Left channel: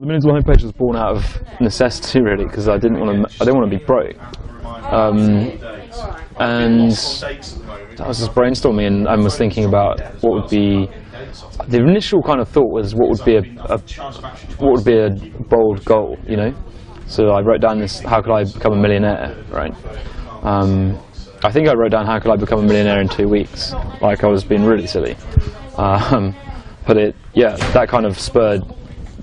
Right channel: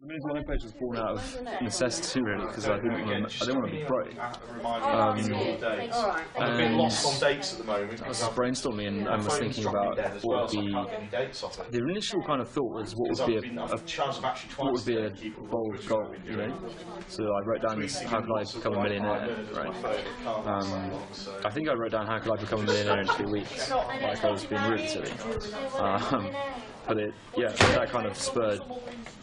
The Minimal homepage was born out of necessity, really, because I didn't want to be broke. And I was just brainstorming and was thinking about what would be. The initial kind of thought was what would be a bold goal, you know. So I wrote down this: how could I become a millionaire, right? I think I wrote down how could I become a millionaire in 2 weeks, like I was being really silly. But that kind of spurred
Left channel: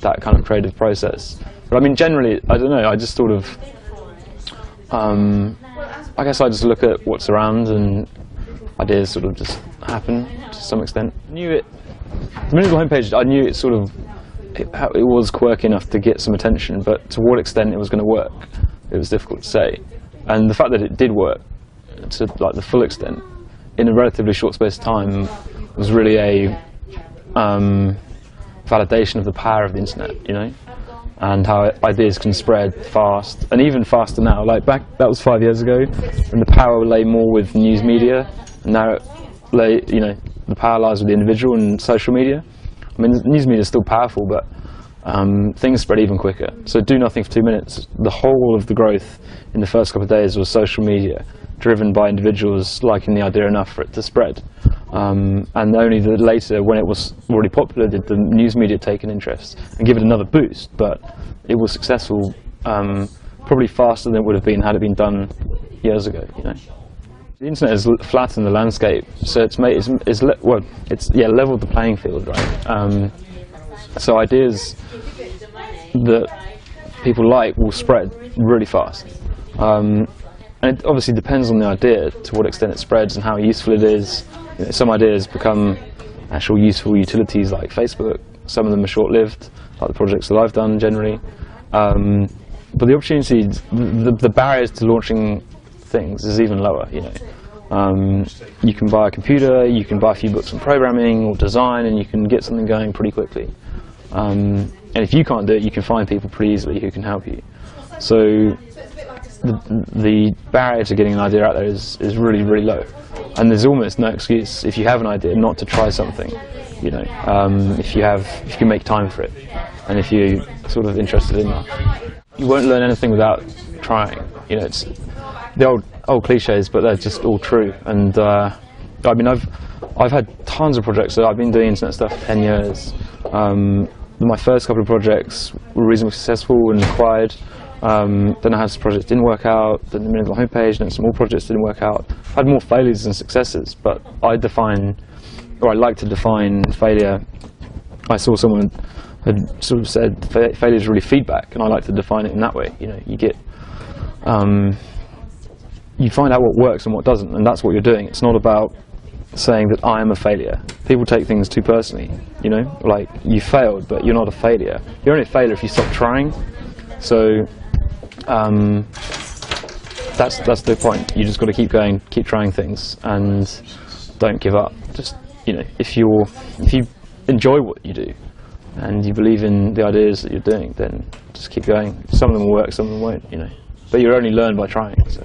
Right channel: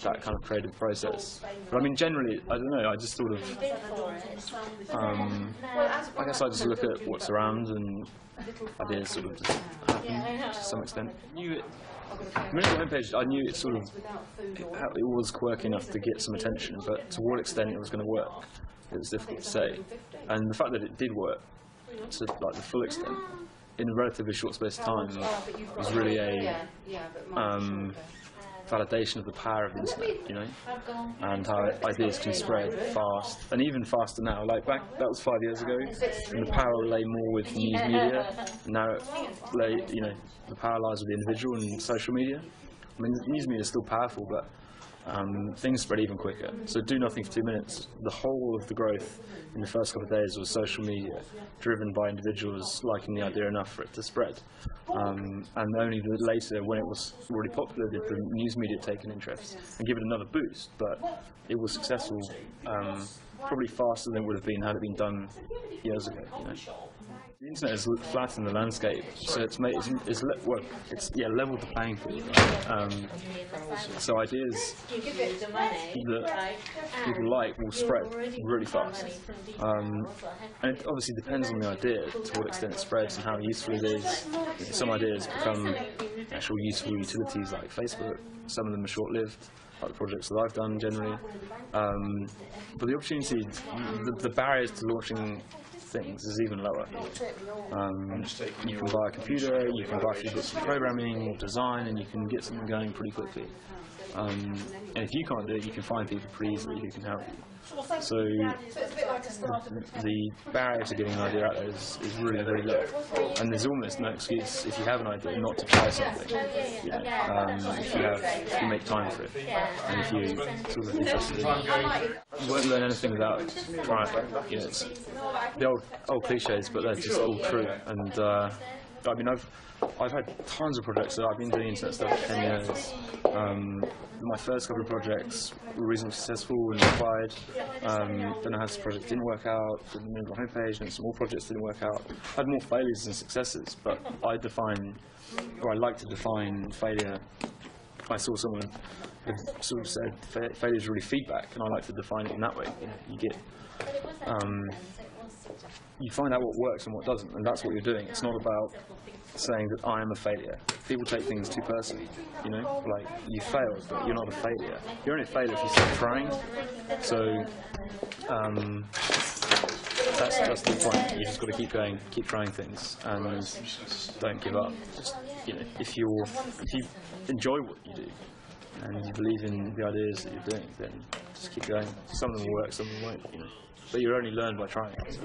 that kind of creative process. But I mean, generally, I don't know, I just sort of, I guess I just look at what's around and ideas sort of just happen to some extent. The Minimal homepage, I knew it sort of, it was quirky enough to get some attention, but to what extent it was going to work, it was difficult to say. And the fact that it did work, to like the full extent, in a relatively short space of time, was really a validation of the power of the internet, you know, and how ideas can spread fast, and even faster now. Like that was 5 years ago, and the power lay more with news media, and now the power lies with the individual and social media. I mean, news media is still powerful, but things spread even quicker. So do nothing for 2 minutes. The whole of the growth in the first couple of days was social media, driven by individuals liking the idea enough for it to spread. And only later, when it was already popular, did the news media take an interest and give it another boost. But it was successful, probably faster than it would have been had it been done years ago. You know? The internet has flattened the landscape, so it's leveled the playing field, right? So ideas that people like will spread really fast. And it obviously depends on the idea, to what extent it spreads and how useful it is. You know, some ideas become actual useful utilities like Facebook. Some of them are short-lived, like the projects that I've done generally. But the opportunities, the barriers to launching things is even lower. You know, you can buy a computer, you can buy a few books on programming or design, and you can get something going pretty quickly. And if you can't do it, you can find people pretty easily who can help you. So the barrier to getting an idea out there is really, really low. And there's almost no excuse, if you have an idea, not to try something. You know, if you make time for it, and if you're sort of interested in that. You won't learn anything without trying. You know, it's the old cliches, but they're just all true. And I mean, I've had tons of projects. So I've been doing internet stuff for 10 years. My first couple of projects were reasonably successful and acquired. Then I had some projects didn't work out, then the Minimal homepage, and some more projects didn't work out. I had more failures than successes, but I like to define failure. I saw someone had sort of said failure is really feedback, and I like to define it in that way. You know, you get, you find out what works and what doesn't, and that's what you're doing. It's not about saying that I am a failure. People take things too personally, you know, like you failed, but you're not a failure. You're only a failure if you stop trying. So that's the point. You just got to keep going, keep trying things, and don't give up. Just, you know, if you enjoy what you do and you believe in the ideas that you're doing, then just keep going. Some of them will work, some of them won't, you know. But you only learn by trying. So.